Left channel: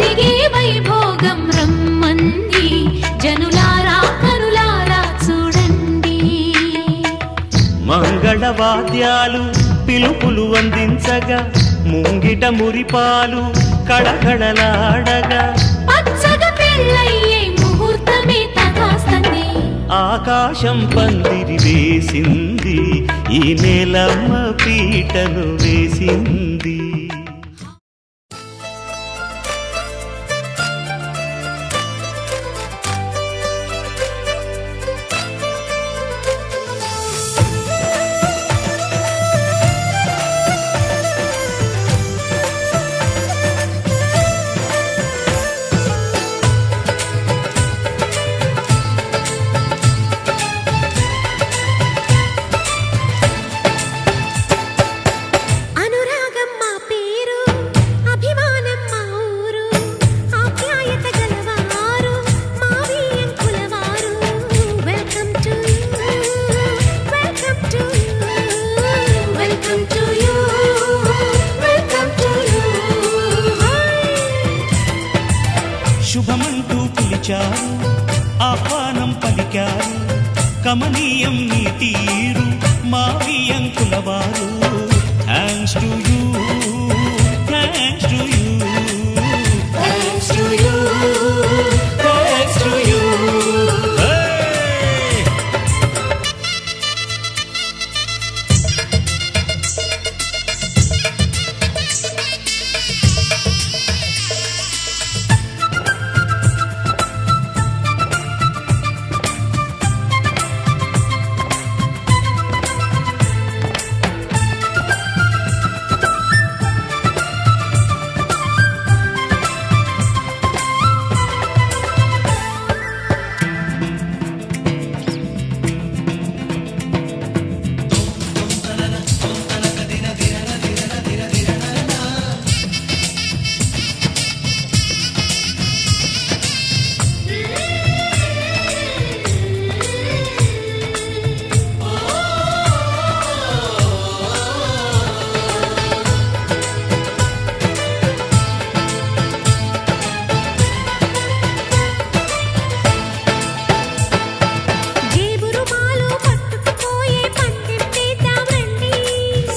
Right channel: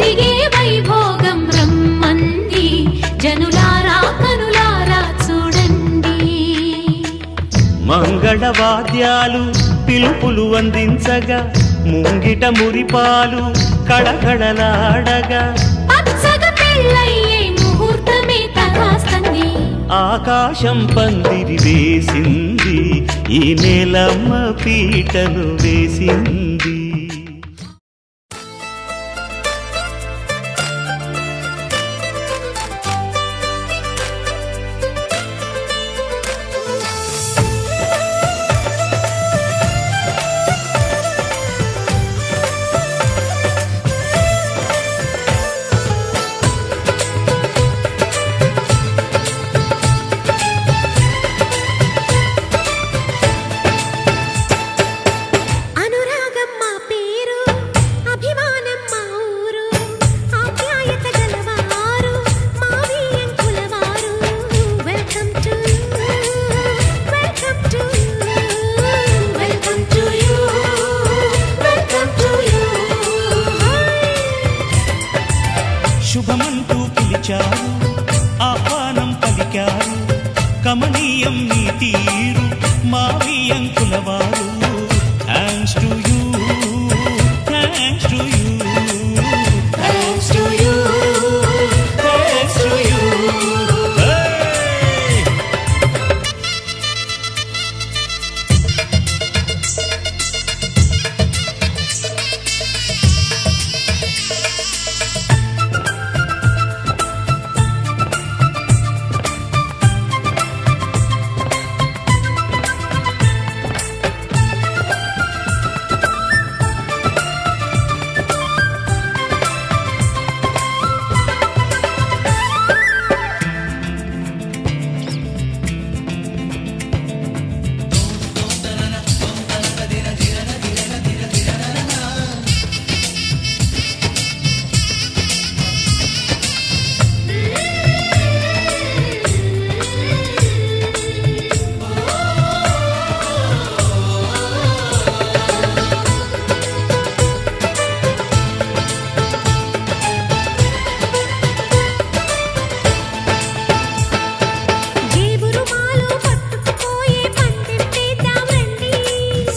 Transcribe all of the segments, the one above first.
జరిగే వైభోగం రమ్మంది జనులారా కనులారా చూడండి. మంగళవాద్యాలు పిలుపులు అందించగా ముంగిట మురిపాలు కళకళలాడగా పచ్చగా పెళ్ళయ్యే ముహూర్తమే తకాస్తంది. ఆకాశం పందిరి వేసింది ఈ నేలమ్మ పీటను వేసింది. శుభమంటూ పిలిచారు ఆహ్వానం పలికారు కమనీయం నీ తీరు మావియంకులవారు. Thanks to you, thanks to you, thanks to you, thanks to you.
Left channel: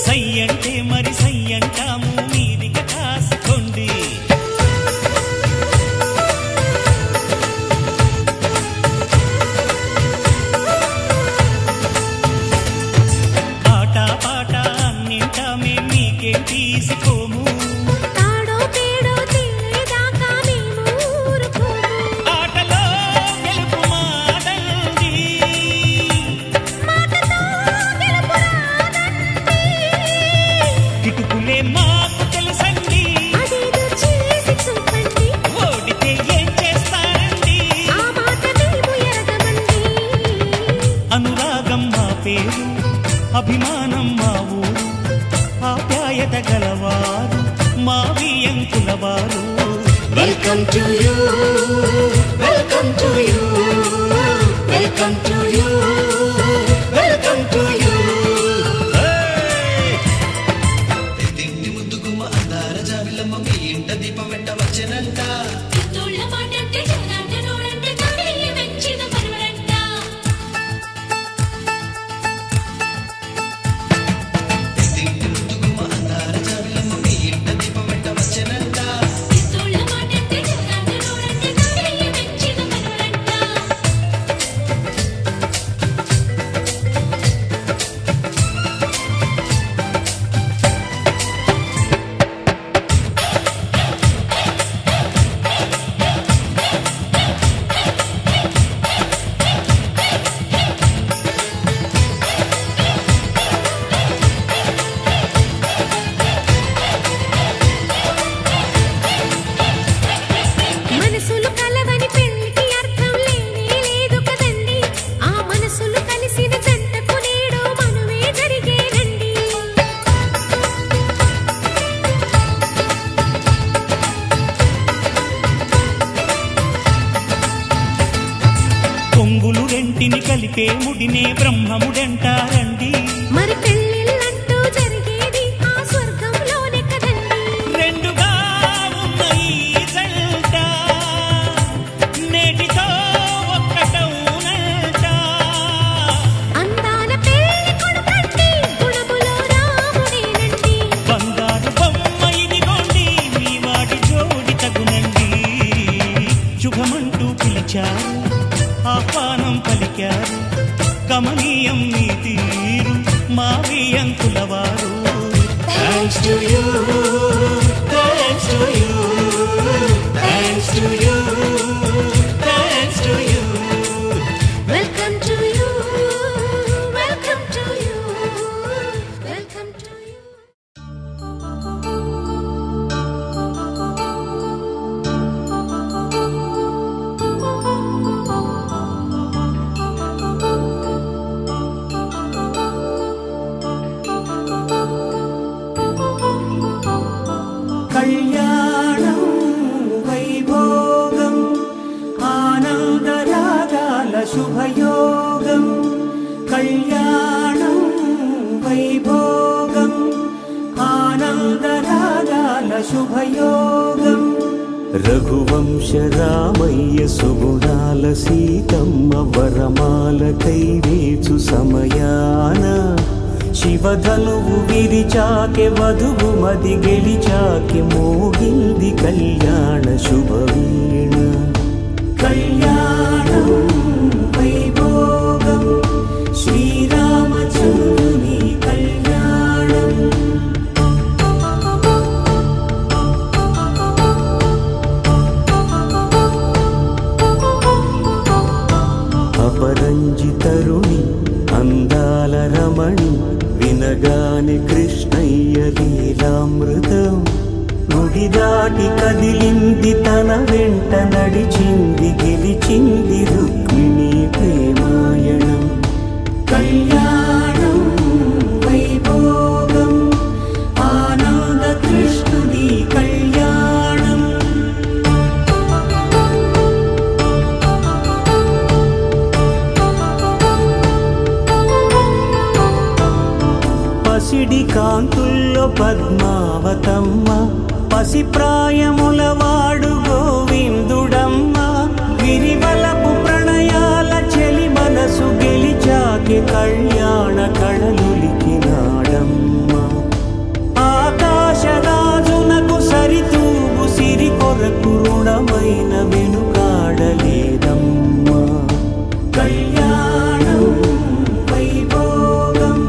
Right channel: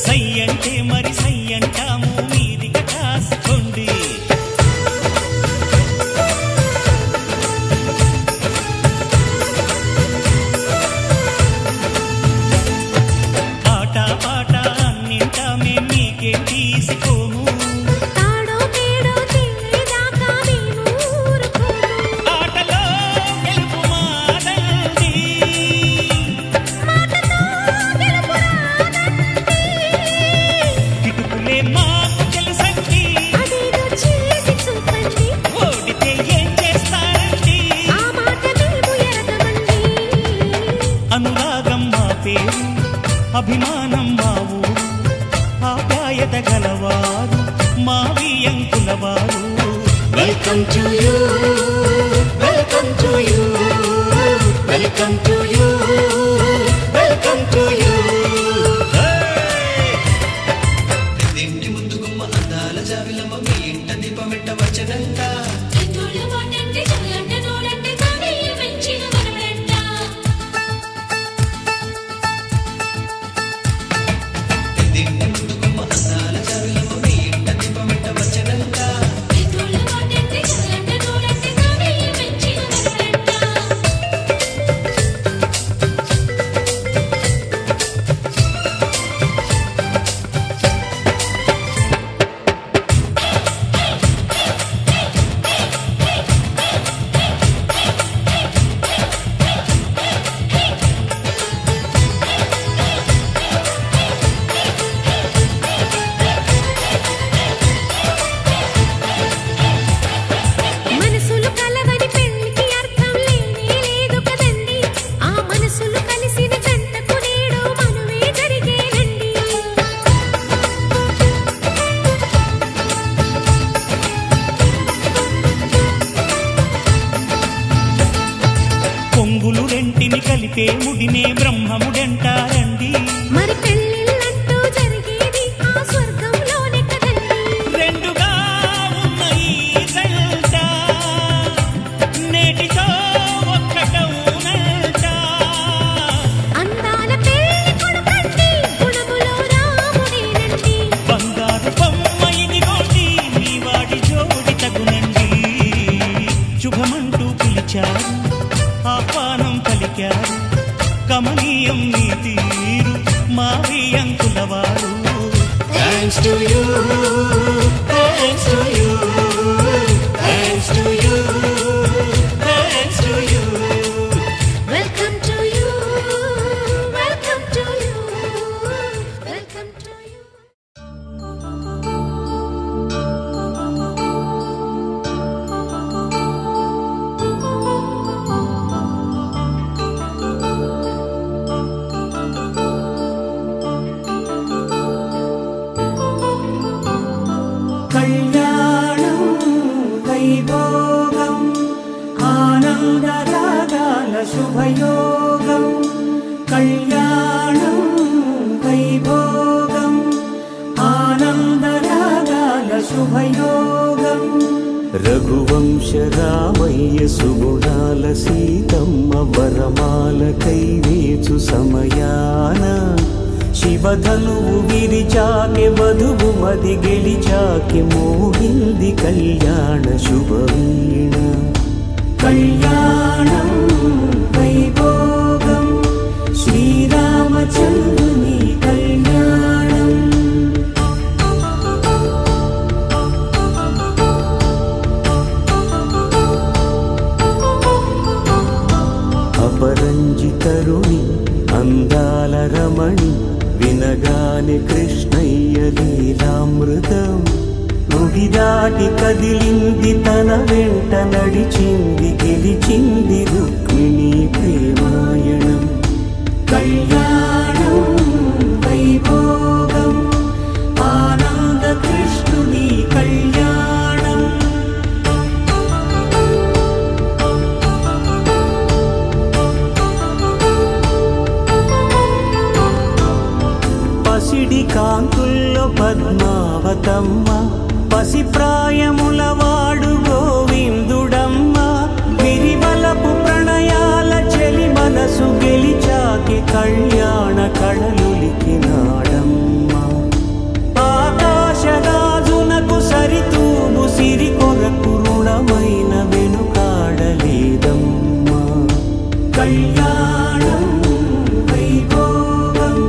సయ్యంటే మరి సయ్యంటాము మీదిక కాసుకోండి. ఆట పాట అన్నింటా మేం మీకేం తీసిపోము. తాడో పేడో తెలియదాకా మేము ఊరుకోము. ఆటలో గెలుపు మాదండి, మాటతో గెలుపు రాదండి. కిటుకులే మాకు తెలుసండి, అదేదో చేసి చూపండి. ఓడితే ఏం చేస్తారండి, ఆ మాట మేము ఎరగమండి. అనురాగం మా పేరు, అభిమానం మా ఊరు, ఆప్యాయత గలవారు మావియంకులవారు. Welcome to you, welcome to you, welcome to you, welcome to you. కొంగులు రెంటిని కలిపే ముడినే బ్రహ్మముడంటారండి. మరి పెళ్ళిళ్ళంటూ జరిగేది ఆ స్వర్గంలోనే కదండి. రెండుగా ఉన్న ఈ శుభమంటూ పిలిచారు, ఆహ్వానం పలికారు. కమనీయం మీ తీరు మా వియంకులవారు. Thanks to you, thanks to you, thanks to you, thanks to you. Welcome to you, welcome to you, welcome to you. కళ్యాణం వైభోగం ఆనందరాగాల శుభయోగం. కళ్యాణం వైభోగం ఆనందరాగాల శుభయోగం. రఘువంశ రామయ్య సుగుణాల సీతమ్మ వరమాల కైవేచు సమయాన శివధనువు విరిచాకె వధువు మది గెలిచాకె మోగింది కళ్యాణ శుభవీణ. కళ్యాణం వైభోగం శ్రీరామచంద్రుని కళ్యాణం. అపరంజి తరుణి అందాల రమణి వినగానే కృష్ణయ్య లీలామృతం. గుడి దాటి కదిలింది తన వెంట నడిచింది గెలిచింది రుక్మిణి ప్రేమాయణం. కళ్యాణం వైభోగం ఆనంద కృష్ణుని కళ్యాణం. పసిడి కాంతుల్లో పద్మావతమ్మ పసిప్రాయముల వాడు గోవిందుడమ్మ. విరివలపు ప్రణయాల చెలి మనసు గెలిచాకే కళ్యాణ కళలులికినాడమ్మ. ఆకాశరాజునకు సరితూగు సిరి కొరకు రుణమైన వెనుకాడలేదమ్మా. కళ్యాణం వైభోగం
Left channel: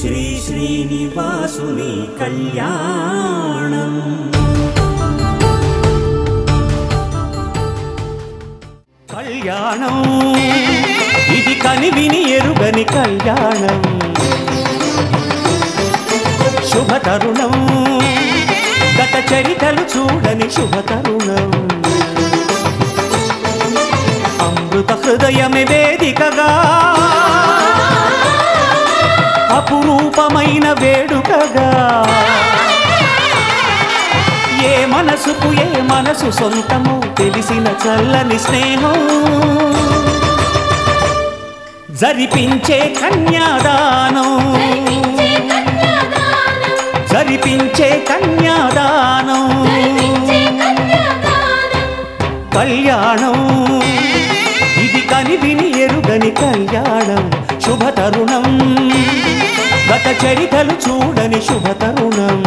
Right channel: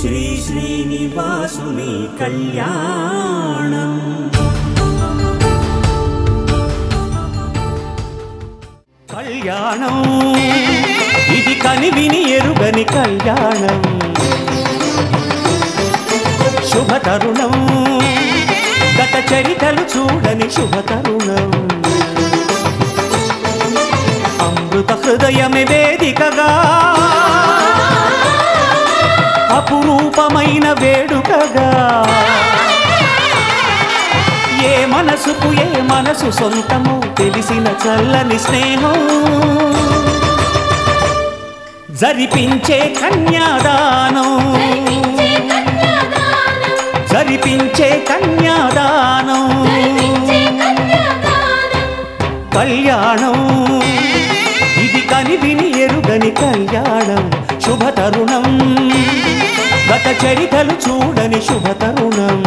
శ్రీ శ్రీనివాసుని కళ్యాణం. కళ్యాణం ఇది కనివిని ఎరుగని కళ్యాణం. శుభతరుణం గత చరితలు చూడని శుభతరుణం. అమృత హృదయమే వేదికగా అపురూపమైన వేడుకగా. ఏ మనసుకు ఏ మనసు సొంతము తెలిసిన చల్లని స్నేహం. జరిపించే కన్యాదానం జరిపించే కన్యాదానం. కళ్యాణం ఇది కనివిని ఎరుగని కళ్యాణం. శుభతరుణం గత చరితలు చూడని శుభతరుణం.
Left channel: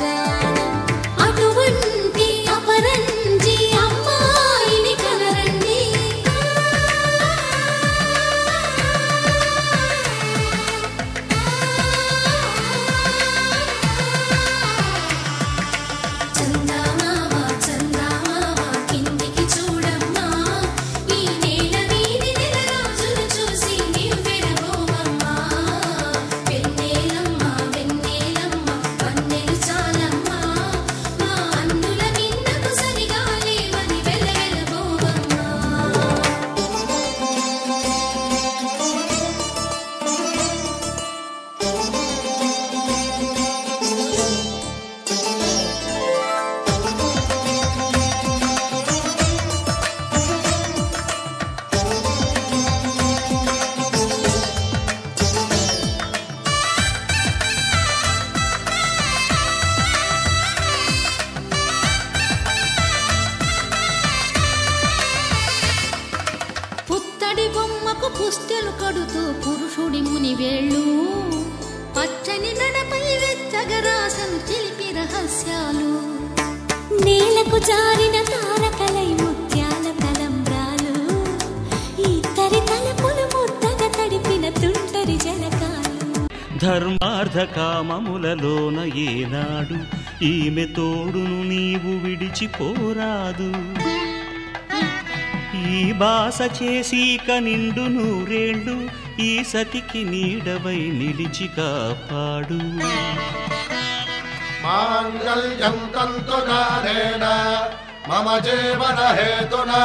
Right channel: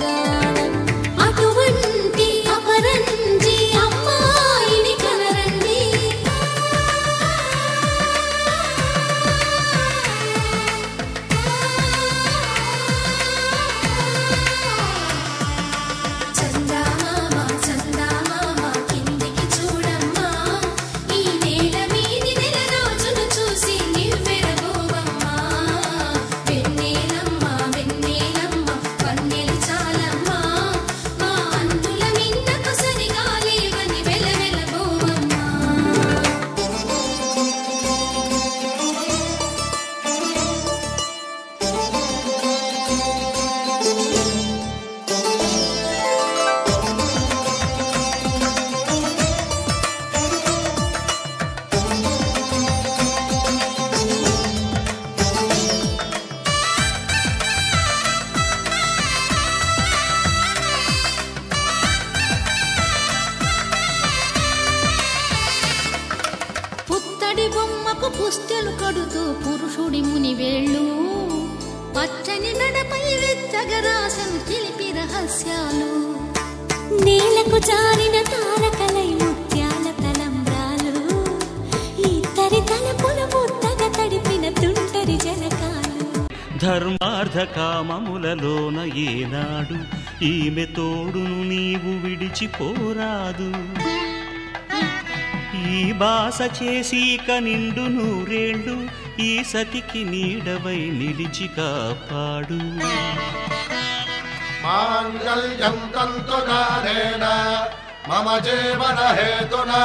జానం అటువంటి అపరంజి అమ్మాయిని కనరండి. చందమామ చందమామ కిందికి చూడమ్మా, ఈ నేల వీధి నెల రోజులు చూసి నివ్వెరబోవమ్మా. వెన్నెలమ్మ వెన్నెలమ్మ వన్నెలు చాలమ్మా, మా అందుల మిన్నకు సరిగా లేవని వెలవెలబోవమ్మా. పుత్తడి బొమ్మకు పుస్తెలు కడుతూ పురుషుడి ముని వేళ్ళు, పచ్చని నడపై వెచ్చగరాసను చిలిపి రహస్యాలు. నేలకు జారిన తారకలై ముత్యాల తలంబ్రాలు, ఇద్దరి తలపులు ముద్దగా తడిపిన తుంటరి జలకాలు. ధర్మార్థ కామములలోన ఏనాడు ఈమె తోడును నీవు విడిచిపోరాదు. ఈ బాస చేసి కనిండు నూరేళ్ళు ఈ సతికి నీడవై నిలిచి కాపాడు. మాంగళ్యం తంతునానేన మమ జీవన హేతునా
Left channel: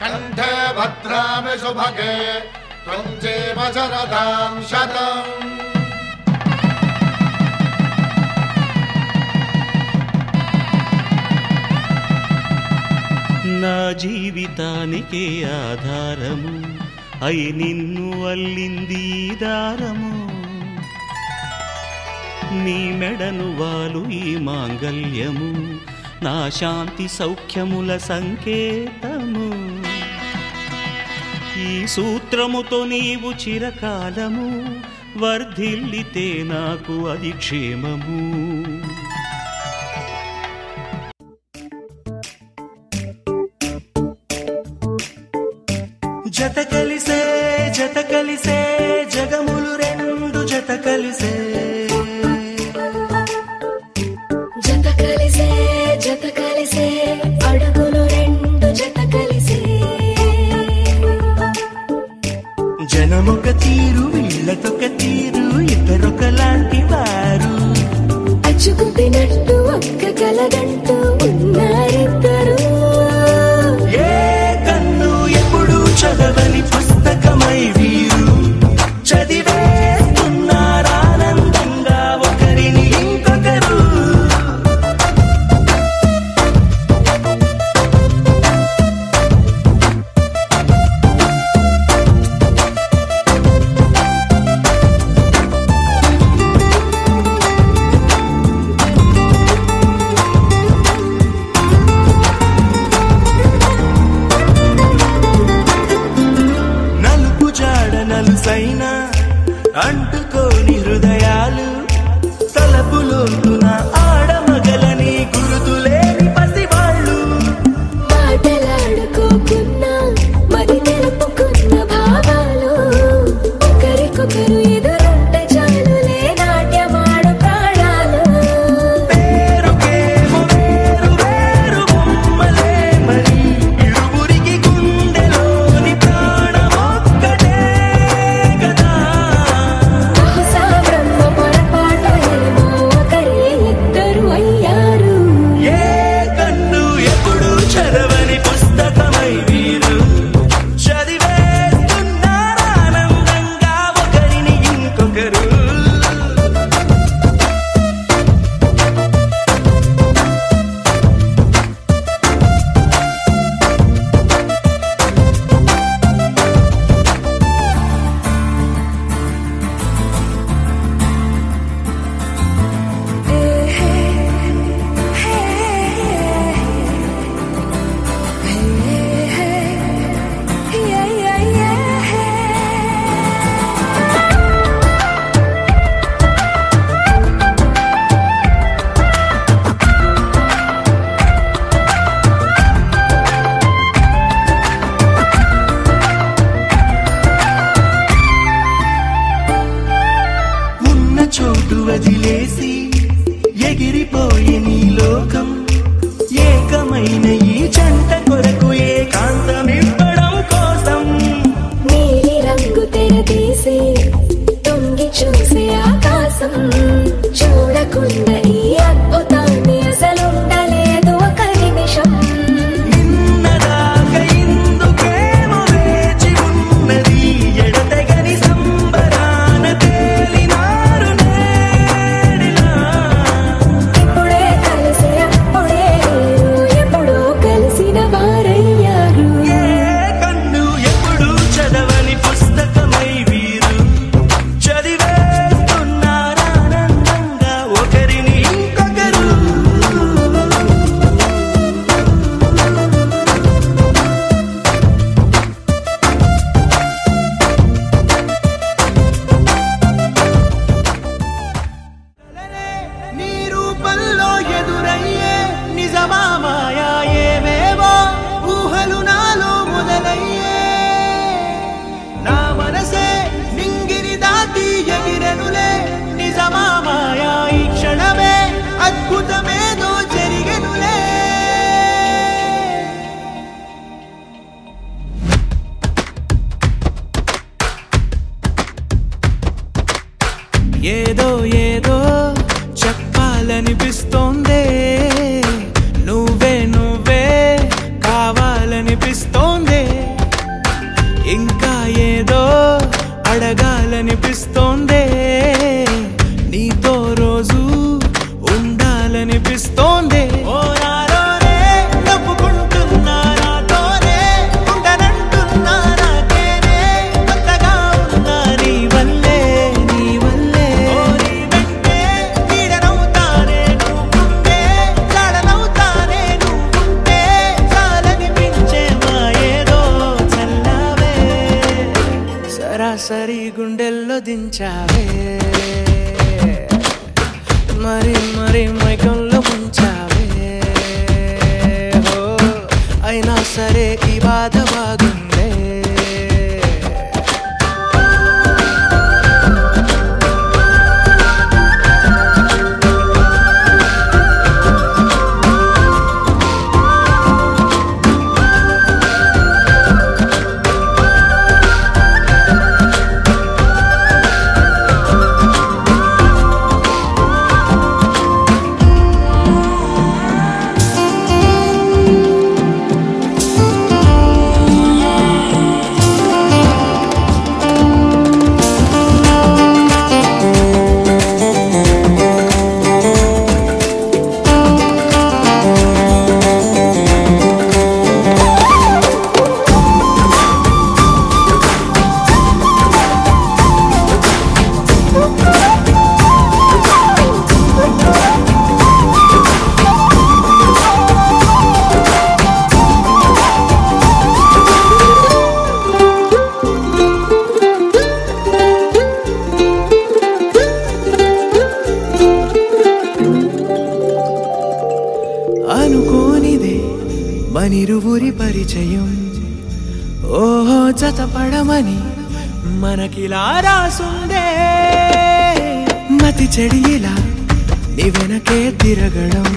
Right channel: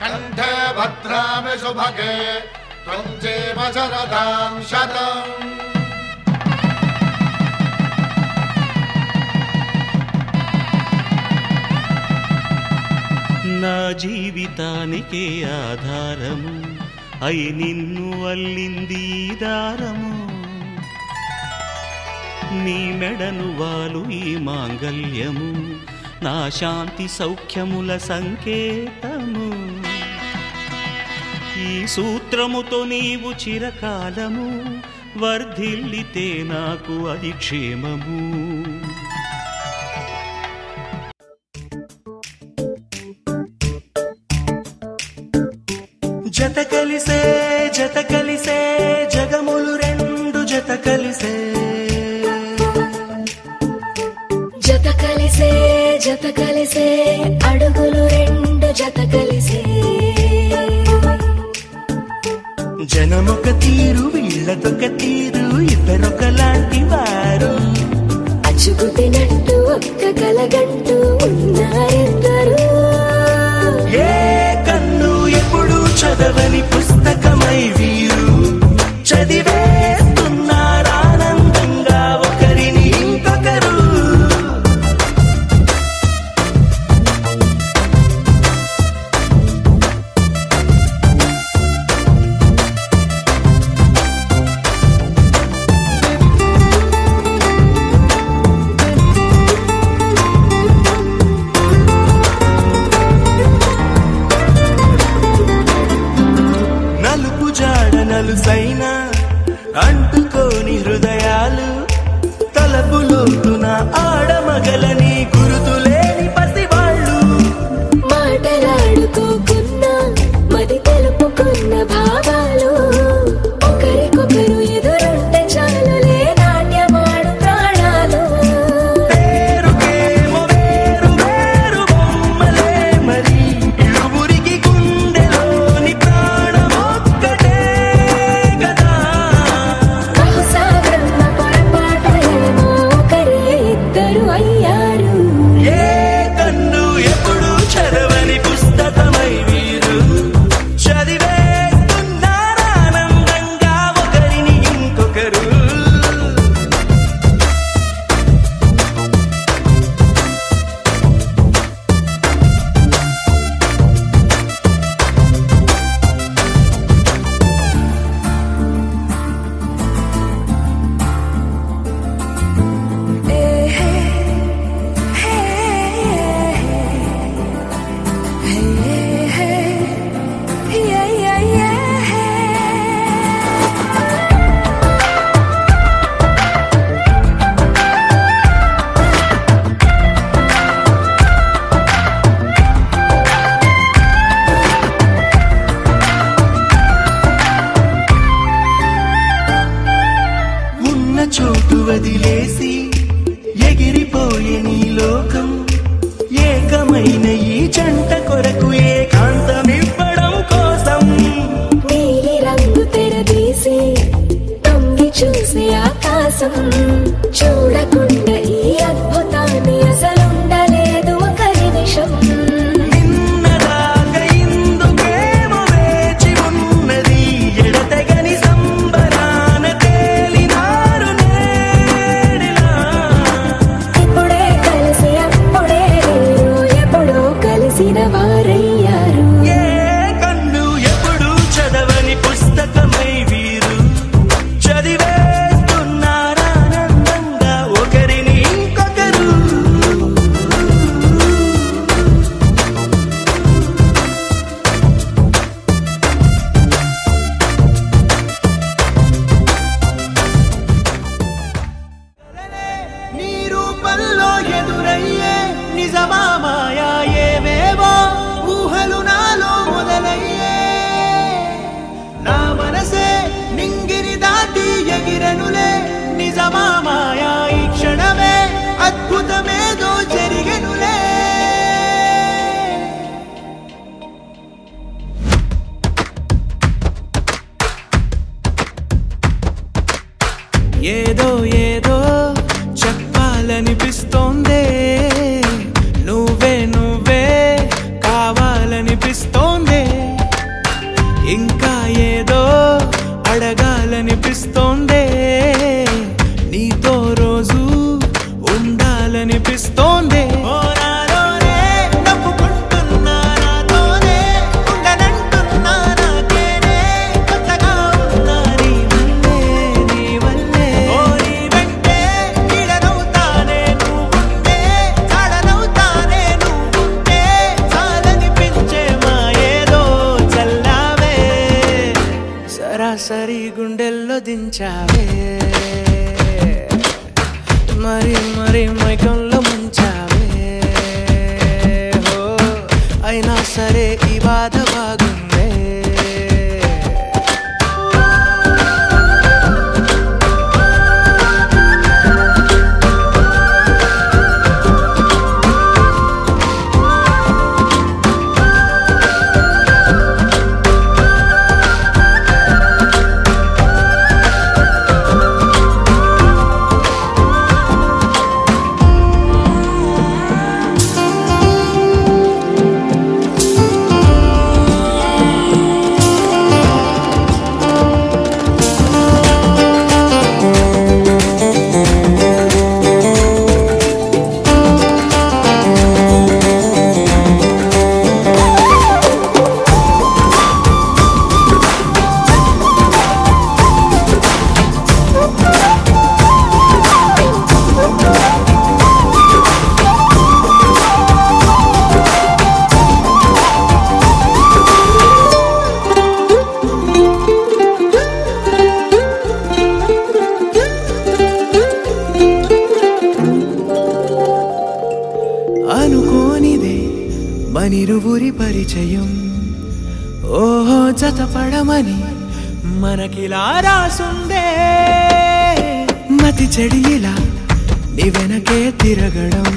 కంఠే భద్రామి శుభగే త్వం జీవ శరదాం శతం. నా జీవితానికే ఆధారము అయి నిన్ను అల్లింది దారము. నీ మెడను వాలు ఈ మాంగల్యము నా శాంతి సౌఖ్యముల సంకేతము. ఈ సూత్రముతో నీవు చిరకాలము వర్ధిల్లితే నాకు అది క్షేమము. జత కలిసే జగములు రెండు జత కలిసే. జత కలిసే అడుగులు రెండు జత కలిసే. జనమొక తీరు వీళ్ళదొక తీరు ఇద్దరొకలాంటి వారు. అచ్చుకుతినట్టు ఒక్క కలగంటూ ఉన్నారిద్దరు. ఏ కన్ను ఎప్పుడు చదవని పుస్తకమై వీరు చదివేస్తున్నారానందంగా ఒకరిని ఇంకొకరు. నలుసైన అంటుకోని హృదయాలు తలపులోతున ఆడమగలని గురుతులేని పసివాళ్ళు. మాటలాడుకోకున్నా మరి తెలుపుకున్న భావాలు ఒకరికొకరు ఎదురుంటే చాలులే నాట్యమాడు ప్రాణాలు. పేరుకేమో వేరు వేరు బొమ్మలే మరి ఇరువురికి గుండెలోని ప్రాణమొక్కటే కదా. బహుశా బ్రహ్మ పొరపాటు ఏమో ఒకరే ముడివేసి ఎగిరిపోయే నీ లోకం ఏకమైన ఈ జంట కొరకు ఏకాంతమివ్వడం కోసం నీలి రంగు తెరదీసే తొంగి చూసే ఆకాశం చూడకుండా ఈ అద్భుతాన్ని అసలుండలేదు ఒక నిమిషం నిన్నదాకా ఇందుకేమో వేచి ఉన్నది ఎడతెగని సంబరాన తేలినారు నేడిలా ఇప్పుడే కలిసి అప్పుడే ఎప్పుడో కలిసిన వారయ్యారు ఏ కన్ను ఎప్పుడు చదవని పుస్తకమై వీరు చదివేస్తున్నారానందంగా ఒకరిని ఇంకొకరు నీ రూపంలో ఎదురయ్యే నిజమా మాయా ఏవేవో ఊహలు నాలో మొదలయ్యే నా మనసే నింగిని దాటి ఎగిరెనులే నిజమా మాయా ఈ క్షణమే అద్భుతమేదో జరిగెనులే ఏదో ఏదో చెప్పాలనిపిస్తోందే నువ్వే నువ్వే కావాలనిపిస్తోందే ఇంకా ఏదో అడగాలనిపిస్తోందే నీతో రోజు ఉండాలనిపిస్తోందే సరాసరి గుండెల్లో దించావే మరి మరి మైకంలో ముంచావే హో అయినా సరే ఈ బాధ బాగుందే అనుకోనిదే మనిరువురి పరిచయం ఓహో జతపడమని మనకిలా రాసుందే మతి చెడిలా నీ వెనకే తిరగడం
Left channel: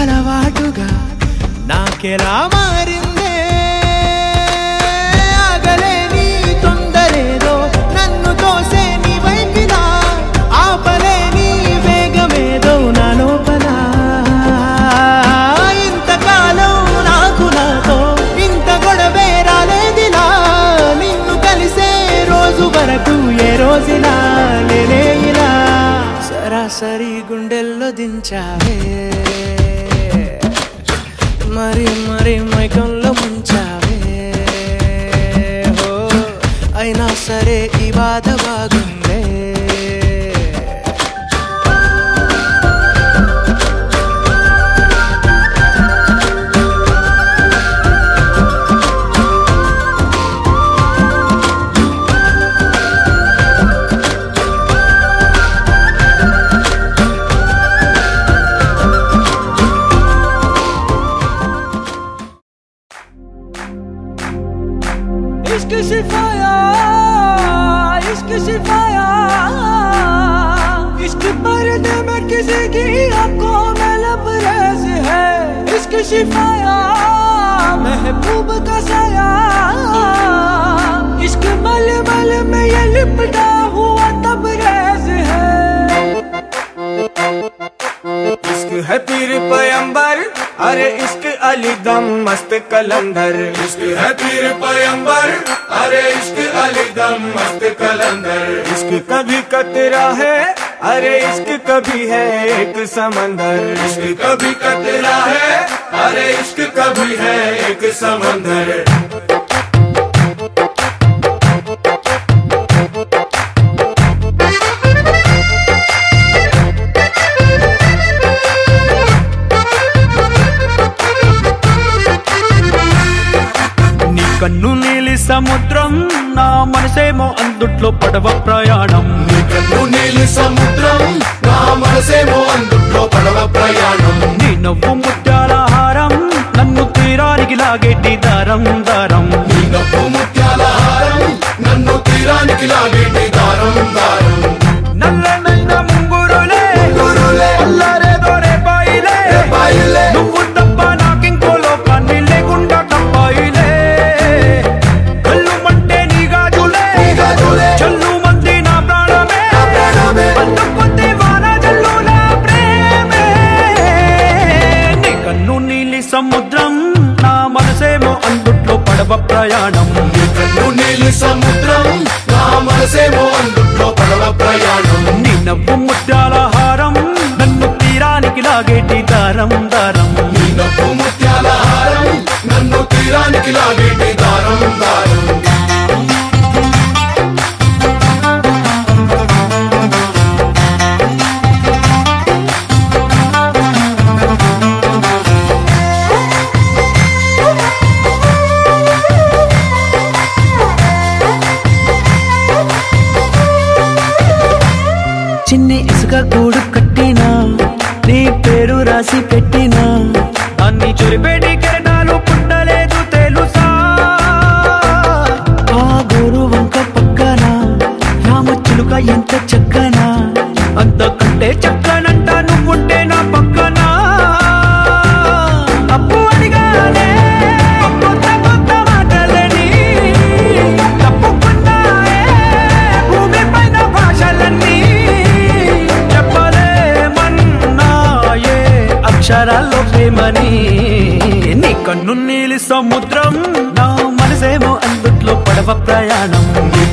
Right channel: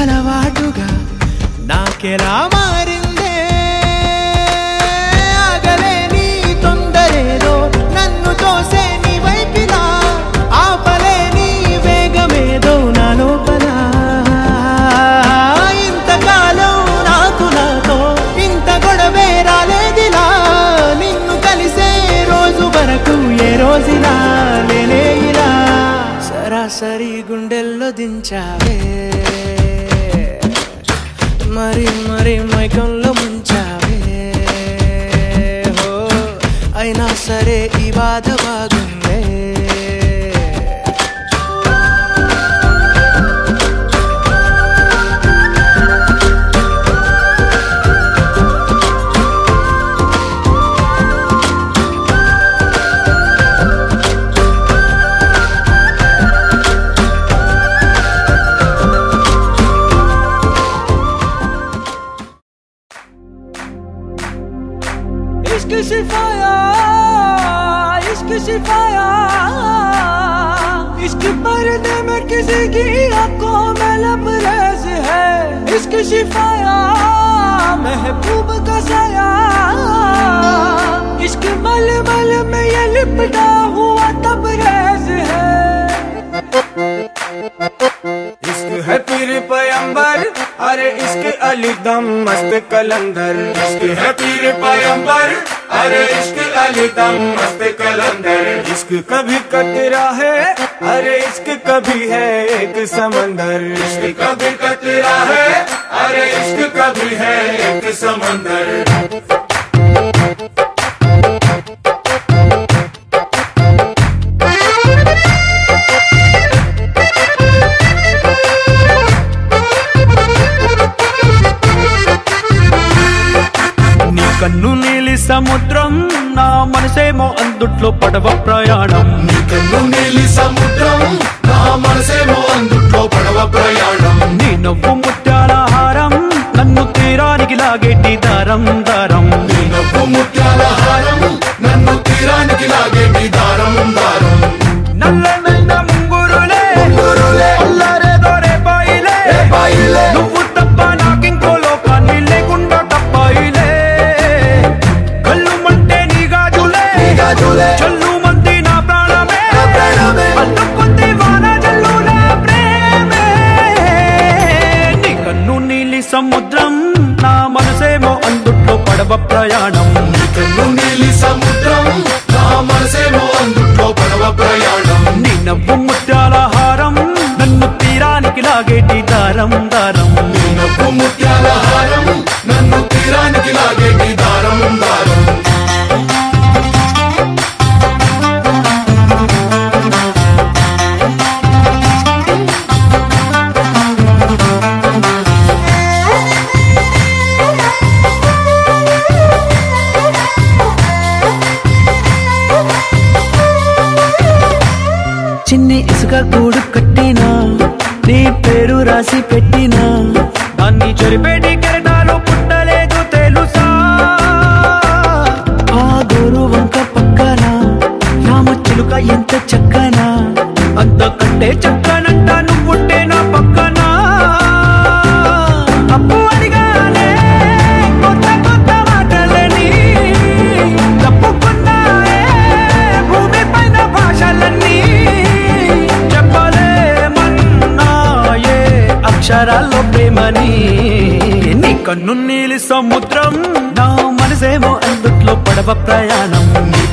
అలవాటుగా నాకెలా మారిందే ఆగలేని తొందరేదో నన్ను తోసే నీ వైపిలా ఆపలేని వేగమేదో నా లోపల ఇంతకాలం నాకు నాతో ఇంత గొడవే రాలేదిలా నిన్ను కలిసే రోజు వరకు ఏ రోజులా లేలే ఇలా సరాసరి గుండెల్లో దించావే మరి మరి మైకంలో ముంచావే హో అయినా సరే ఈ బాధ బాగుందే Ishq sifaaya शिफाया महबूब का साया इश्क मलमल में ये लिपटा हुआ तबरेज है इश्क है पीर पैगंबर अरे इश्क अली दम मस्त कलंदर इश्क है पीर पैगंबर अरे इश्क अली दम मस्त कलंदर इश्क कभी कतरा है अरे इश्क कभी है एक समंदर इश्क कभी कतरा है अरे इश्क कभी है एक समंदर కన్ను నీలి సముద్రం నా మనసేమో అందుట్లో పడవ ప్రయాణం కన్ను నీలి సముద్రం నా మనసేమో అందుట్లో పడవ ప్రయాణం నీ నవ్వు ముత్యాల హారం నన్ను తీరానికి లాగేటి దారం దారం నీ నవ్వు ముత్యాల హారం నన్ను తీరానికి లాగేటి దారం దారం నల్లనైన ముంగురులే అల్లరే దొరే బాయిలే నువ్వు తప్ప నాకింకో లోకాన్ని లేకుండా కప్పాయిలే చల్లు మంది నా ప్రాణమే అల్లుకుంది వాన జల్లుల ప్రేమే నీ కన్ను నీలి సముద్రం నా మనసేమో అందుట్లో పడవ ప్రయాణం కన్ను నీలి సముద్రం నా మనసేమో అందుట్లో పడవ ప్రయాణం నీ నవ్వు ముత్యాల హారం నన్ను తీరానికి లాగేటి దారం దారం నీ నవ్వు ముత్యాల హారం నన్ను తీరానికి లాగేటి దారం దారం చిన్ని ఇసుక గూడు కట్టినా నీ పేరు రాసి పెట్టినా దాన్ని చొరిపేటి కెరటాలు పుట్టలేదు తెలుసా ఆ గోరు వంక పక్కన రామచిలుక ఎంత చక్కనా అంతకంటే చక్కనంట నువ్వుంటే నా పక్కన అప్పు అడిగానే కొత్త కొత్త మాటలని తప్పుకున్నాయే భూమి పైన భాషలన్నీ చెప్పలేమన్నాయే అక్షరాల్లో ప్రేమని నీ కన్ను నీలి సముద్రం నా మనసేమో అందుట్లో పడవ ప్రయాణం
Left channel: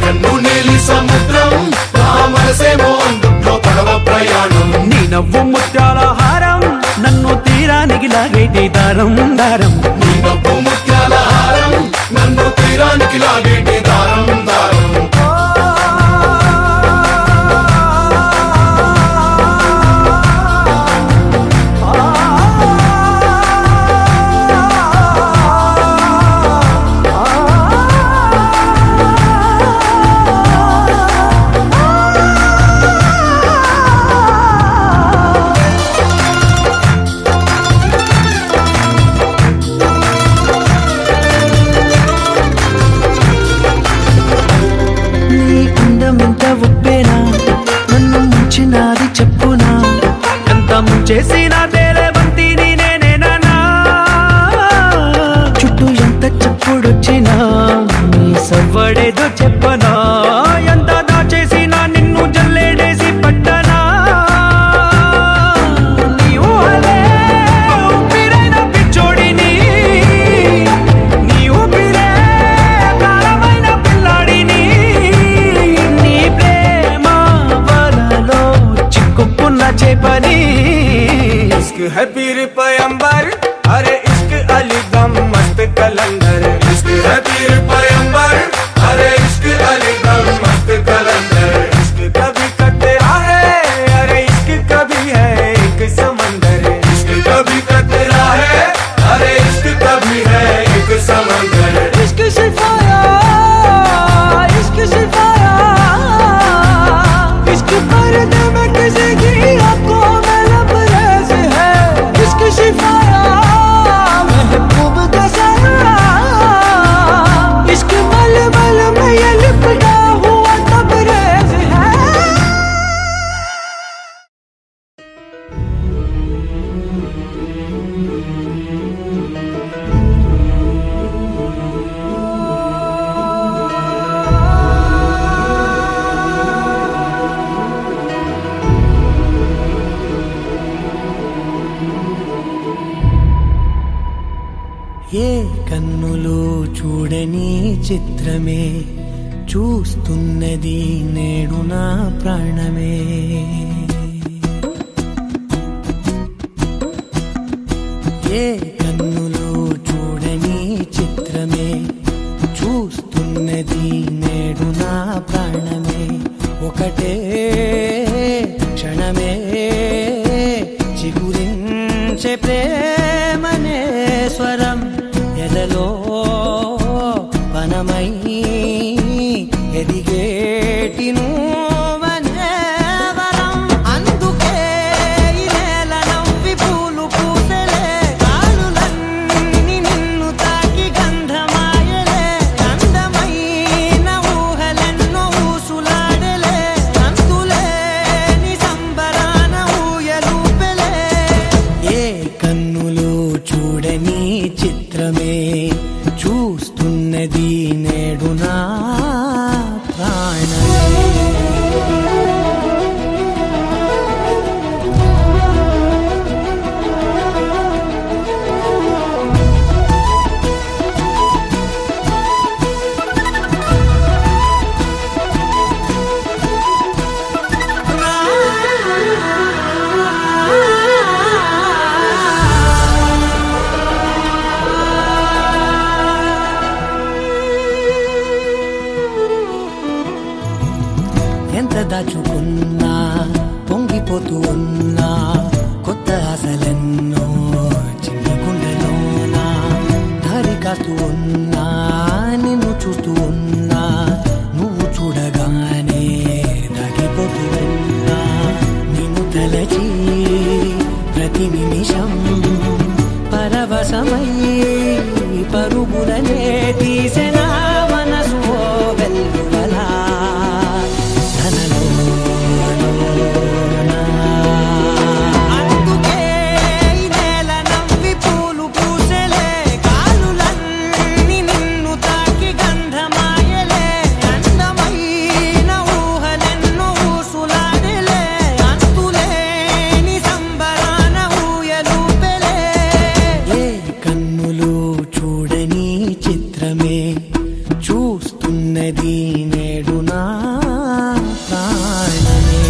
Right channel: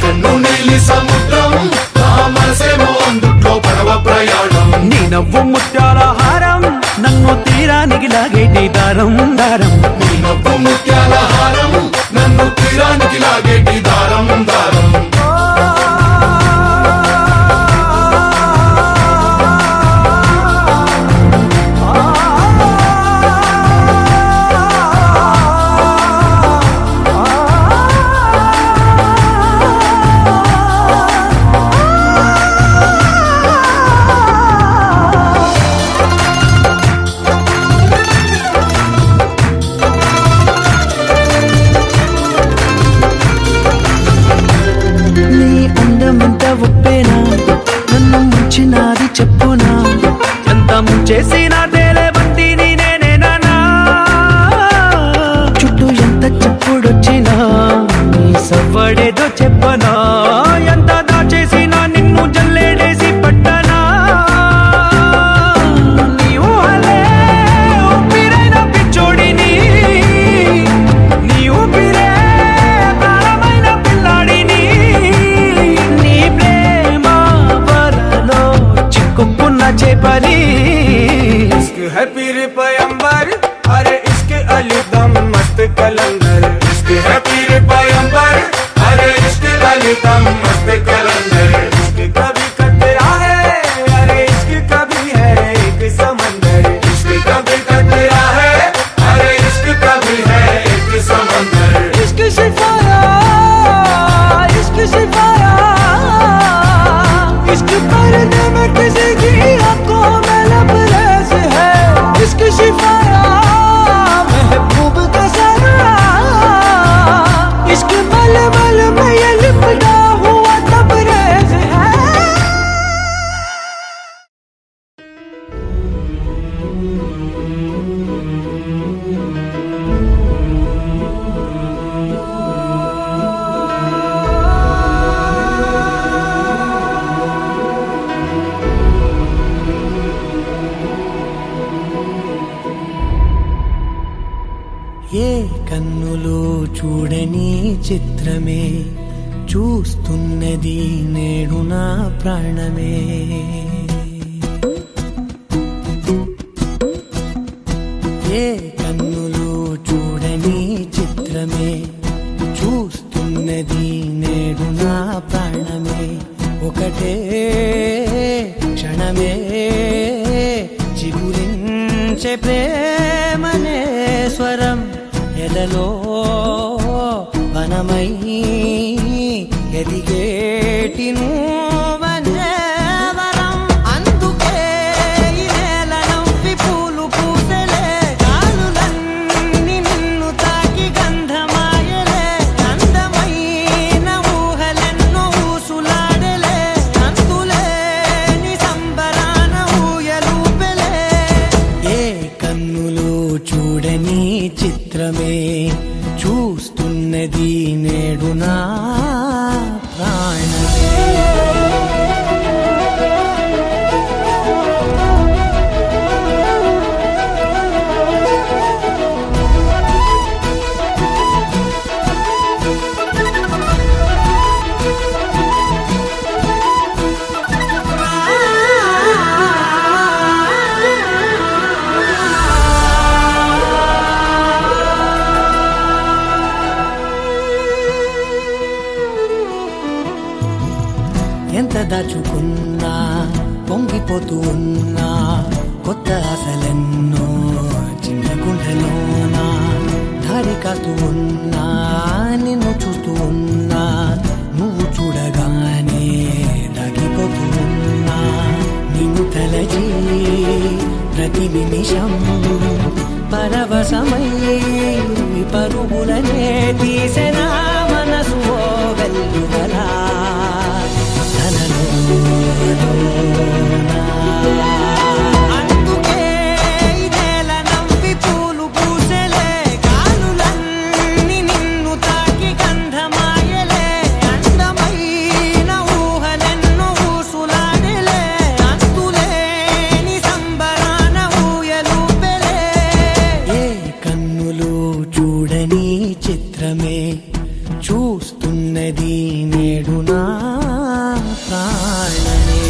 కన్ను నీలి సముద్రం నా మనసేమో అందుట్లో పడవ ప్రయాణం నీ నవ్వు ముత్యాల హారం నన్ను తీరానికి లాగేటి దారం దారం నీ నవ్వు ముత్యాల హారం నన్ను తీరానికి లాగేటి దారం దారం ఎంత ఒప్పేనా నన్ను ముంచినాది చెప్పునా ఎంత ముంచేసినా తేలేబంతిని నేనేనా చుట్టూ ఎంత చెప్పుడొచ్చినా నీ సవ్వడేదో చెప్పనా ఎంత దాచేసినా నిన్ను జల్లేడేసి పట్టనా నీ ఊహలే ఊపిరైన పిచ్చోడిని నీ ఊపిరే ప్రాణమైన పిల్లాడిని నీ ప్రేమ వలలో చిక్కుకున్న చేపని इश्क है पीर पैगंबर अरे इश्क अली दम मस्त कलंदर इश्क है पीर पैगंबर अरे इश्क अली दम मस्त कलंदर इश्क कभी कतरा है अरे इश्क कभी है एक समंदर इश्क कभी कतरा है अरे इश्क कभी है एक समंदर इश्क शिफाया इश्क पर्दे में किसी की आंखों में लबरेज है इश्क शिफाया महबूब का साया इश्क मलमल में ये लिपटा हुआ तबरेज है ఏ కన్నులు చూడని చిత్రమే చూస్తున్నది నేడు నా ప్రాణమే. ఏ కన్నులు చూడని చిత్రమే చూస్తున్నది నేడు నా ప్రాణమే. ఒకటే క్షణమే చిగురించే ప్రేమనే స్వరం ఎదలో వనమై ఎదిగేటి నువ్వనే వరం. అందుకే ఈ నేల నవ్వి పూలు పూసలే, గాలులన్నీ నిన్ను తాకి గంధమాయలే. అందమైన ఊహలెన్నో ఊసులాడలే, అంతులేని సంబరాన ఊయలూపెలే. ఏ కన్నులు చూడని చిత్రమే చూస్తున్నది నేడు నా ప్రాణమే. ఎంత దాచుకున్నా పొంగిపోతూ ఉన్నా, కొత్త ఆశలెన్నో చిన్ని గుండెలోనా. దారి కాస్తూ ఉన్నా, నిన్ను చూస్తూ ఉన్నా, నువ్వు చూడగానే దాగిపోతూ ఉన్నా. నిన్ను తలచి ప్రతి నిమిషం పరవశమై పరుగులనే తీసెనా మనసు ఓ వెల్లువలా తనలోనా. అందుకే ఈ నేల నవ్వి పూలు పూసలే, గాలులన్నీ నిన్ను తాకి గంధమాయలే. అందమైన ఊహలెన్నో ఊసులాడలే, అంతులేని సంబరాన ఊయలూపెలే. ఏ కన్నులు చూడని చిత్రమే చూస్తున్నది నేడు నా ప్రాణమే.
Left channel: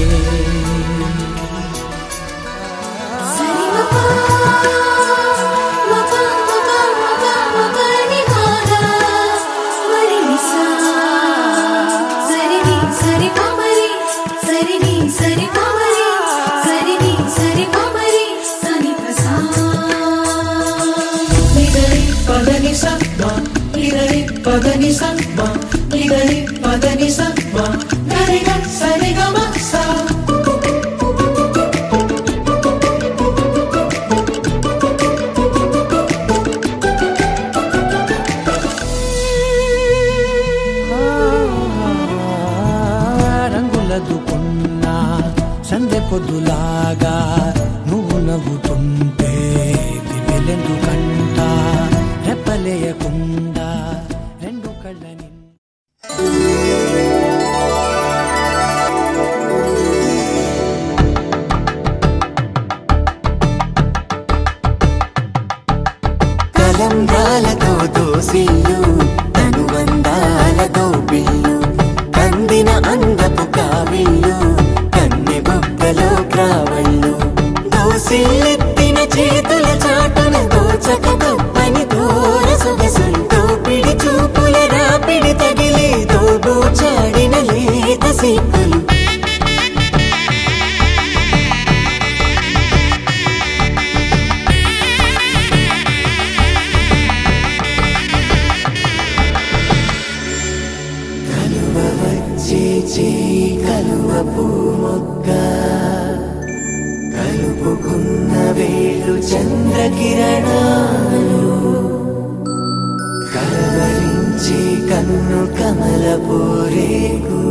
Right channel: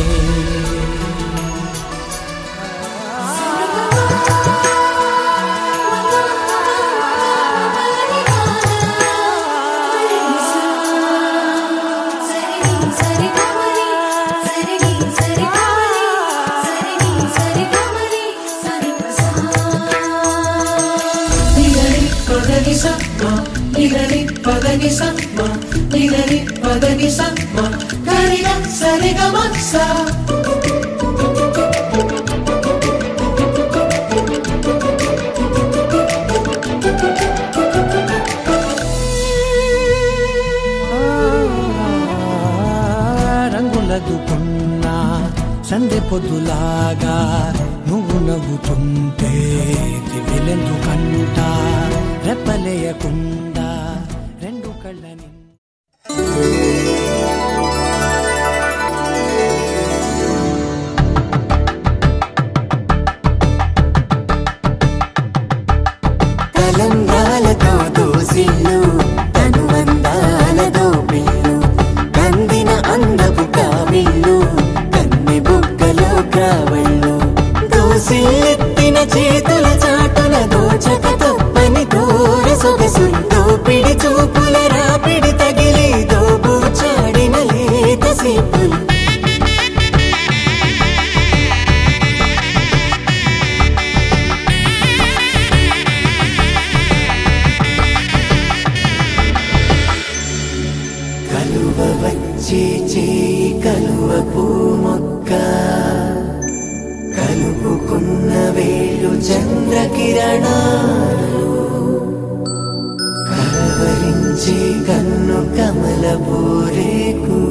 రంగులదుకున్నా సందె పొద్దులాగా నువ్వు నవ్వుతుంటే దివ్యలెందుకంట. రెప్పలేయకుండా రెండు కళ్ళని కలంగాలతో దోసిల్లు అనుబంధాలతో పిల్లు అందిన అందపు కావిళ్ళు కన్నె బొక్కలో క్రావళ్ళు దోసిల్లెత్తిన చేతుల చాటున దోచక తప్పని దూర సొగసులు దోపిడి చూపుల రాపిడి తగిలి దోబూచాడిన లేత సీపులు. కలువ వచ్చే చేయి కలువ పూమొక్క కలుపుకున్న వేలు చంద్రకిరణాలు కలవరించే కన్ను కమల పూరేకు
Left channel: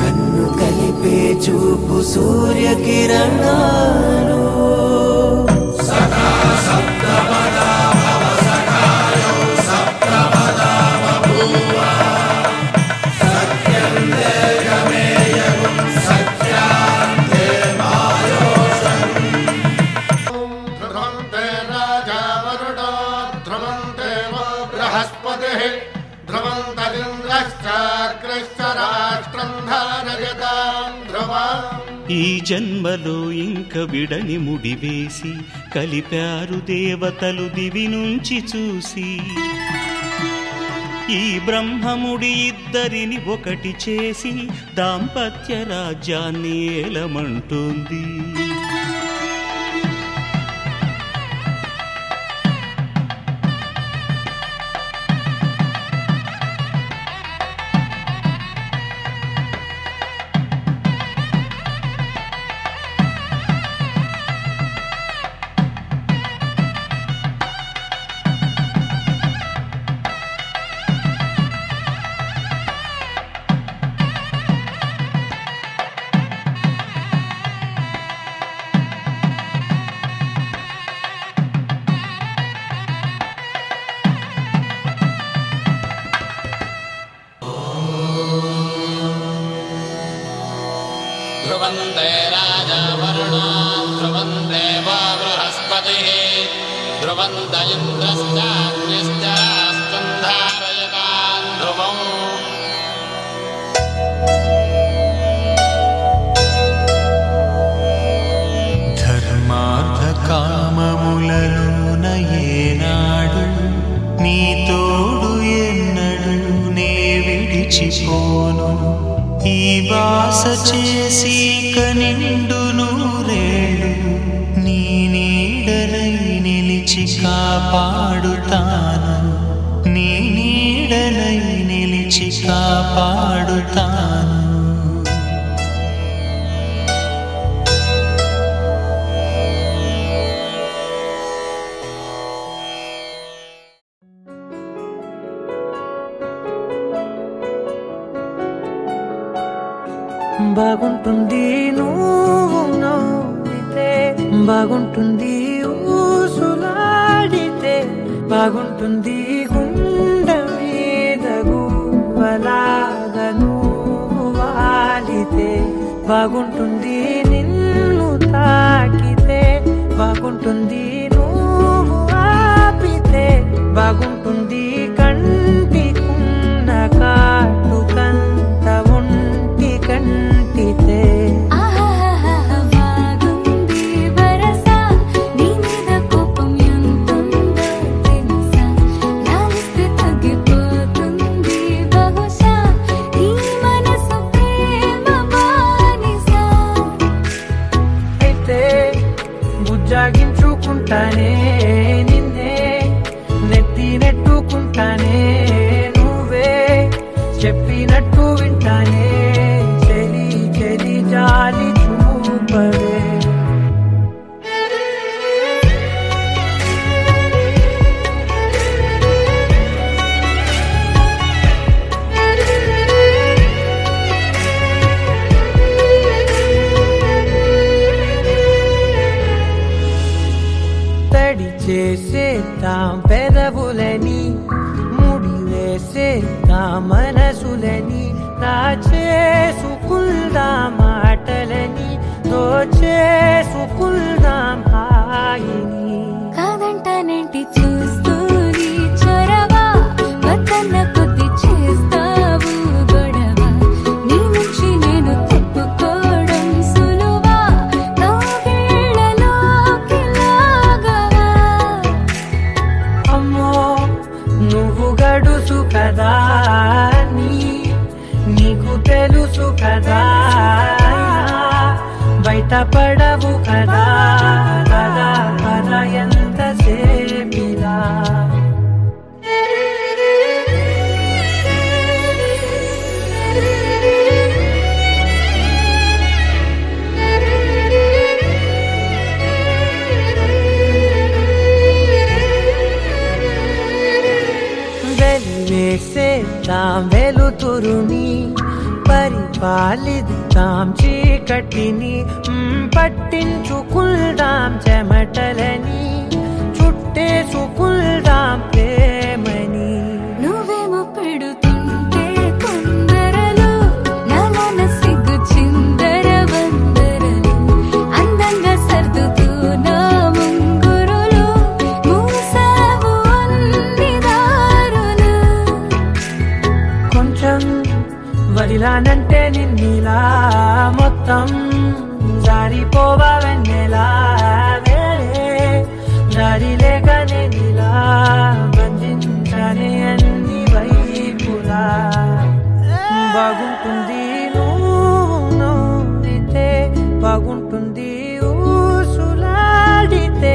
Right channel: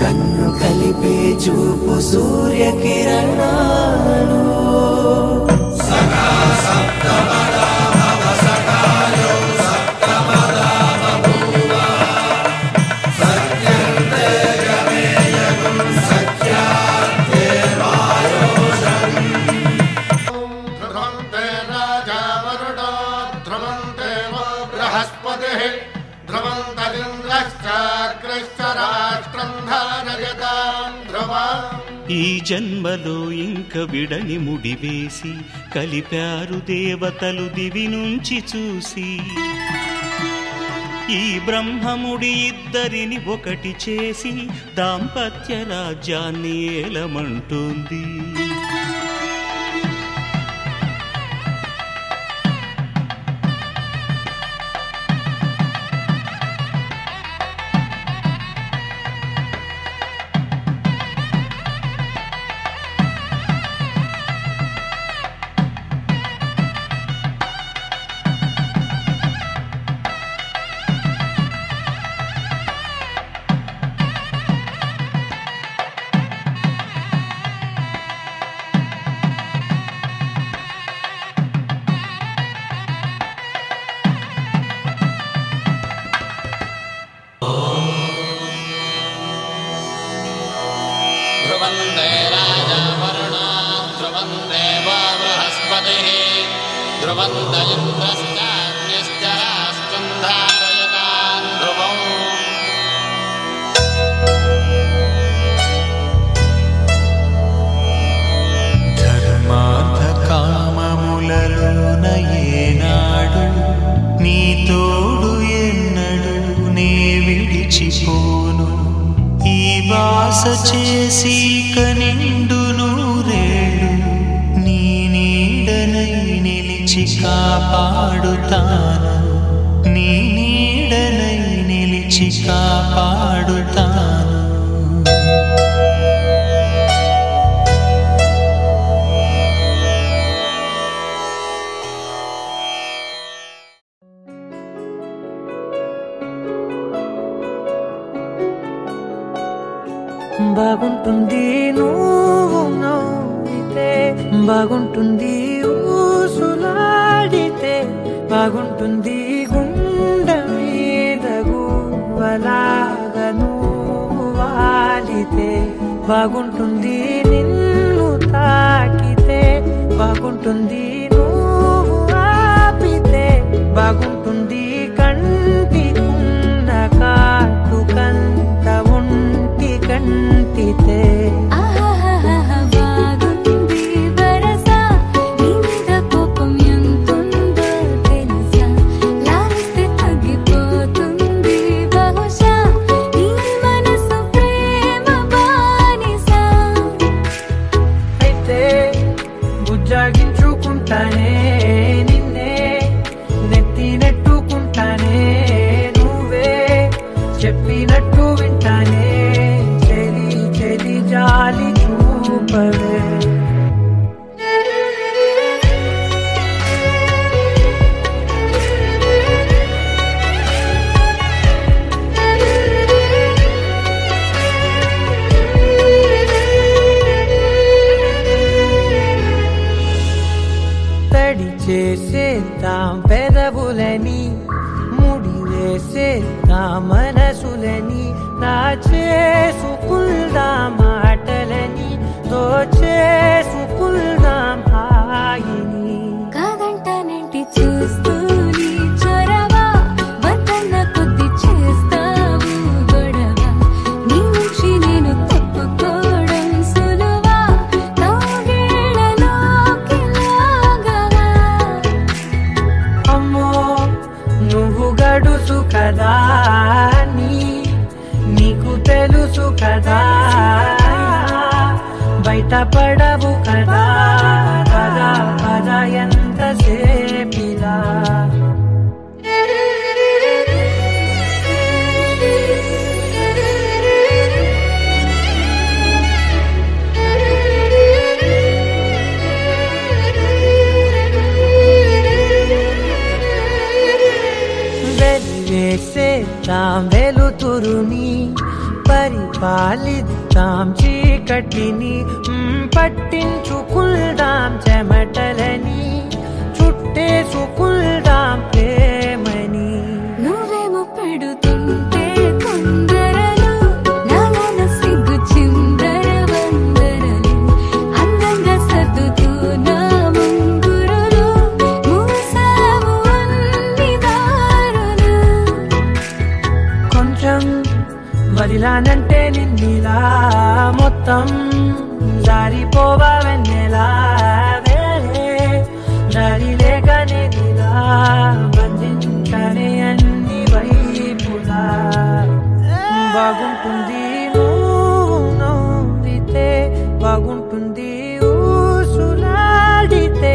కన్ను కలిపే చూపు సూర్యకిరణాలు. రాజా వరుడా ఈ జన్మలో ఇంక విడని ముడివేసి కలిపారు దేవతలు దివి నుంచి చూసి ఈ బ్రహ్మముడి ఇద్దరిని ఒకటి చేసి దాంపత్య రాజ్యాన్ని ఏలమంటుంది కామములలోన ఏనాడు నీ తోడు ఎన్నడు నే విడిచిపోను ఈ వాస చేసి కనిండు నూరేళ్ళు నీ నీడనై నిలిచి కాపాడుతాను నీ నీడనై నిలిచి కాపాడుతాను బాగుంటుంది నువ్వు నవ్వితే బాగుంటుంది ఊసులాడితే బాగుంటుంది గుండె మీద గువ్వలాగా నువ్వు వాలితే బాగుంటుంది నిన్ను తాకితే బాగుంటుంది నువ్వు ఆపితే బాగుంటుంది కంటికున్న కాటుకంత ఒంటి కంటితే బుజ్జాగించుకుంటానే నిన్నే నెత్తి నెట్టుకుంటానే నువ్వే చెప్పినట్టు వింటానే చెలి చెలి జాలి చూపవే తడి చేసేద్దాం పెదవులని ముడి వేసేద్దాం మనసులని చేసుకుందాం మాటలని దోచేసుకుందాం హాయిని కాదంటానేంటి చూస్తూని చొరవా వద్దన్న కొద్ది చేస్తావు గొడవ నీ నుంచి నేను తప్పుకోవడం సులువా నవ్వేళ్ళలోకి లాగవా అమ్మో నువ్వు గడుసు కదా నీకు తెలుసు కదా బయట పడవు కదా కదా పద ఎంత సేపిలా వెలివేసేద్దాం వెలుతురుని పరిపాలిద్దాం చీకటిని పట్టించుకుందాం చెమటలని చుట్టేసుకుందాం ప్రేమని నువ్వేమో పెడుతుంటే కొందరలు నాలోన సిగ్గు చిందర వందరలు అందంగా సర్దుతూ నా ముంగురులు మూసావు అన్ని దారులు కొంచెం వదిలానంటే నిన్నిలా మొత్తం జారిపోవా వెన్నెలా దారి లేక నేనిలా బంధించనే అన్ని వైపులా బాగుంటుంది నువ్వు నవ్వితే బాగుంటుంది ఊసులాడితే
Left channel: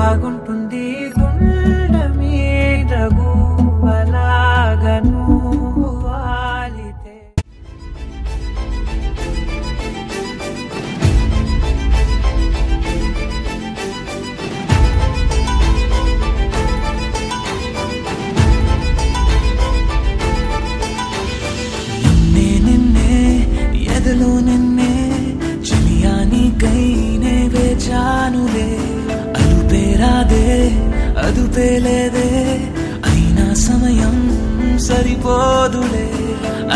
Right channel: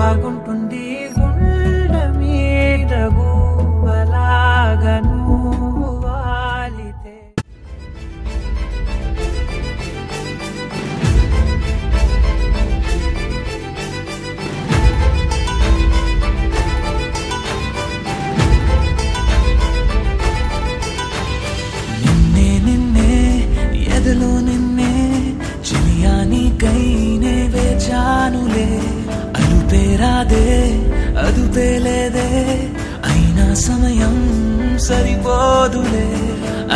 బాగుంటుంది గుండె మీద గువ్వలాగా నువ్వు వాలితే ఎదలో నిన్నే చిలియానికైనే వేచానులే అలుపేరాదే అదుపేలేదే అయినా సమయం సరిపోదులే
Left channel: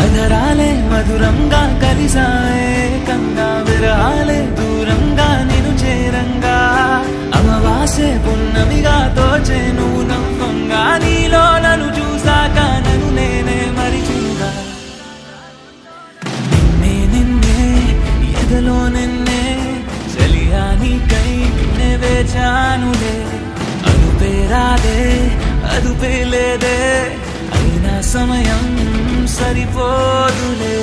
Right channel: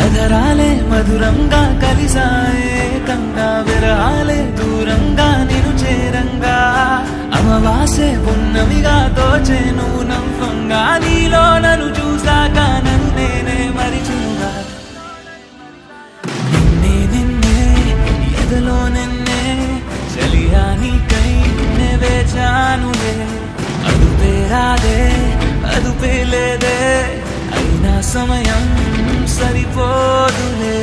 అధరాలే మధురంగా కలిసాయే కంగా విరహాలే దూరంగా నిను చేరంగా అమవాసే పున్నమిగా తోచే నువ్వు నవ్వంగా నీలో నన్ను చూసాక నన్ను నేనే మరిచినుగా ఎదలో నిన్నే చలియానికై నే వేచానులే అదుపేరాదే అదుపేలేదే అయినా సమయం సరిపోదులే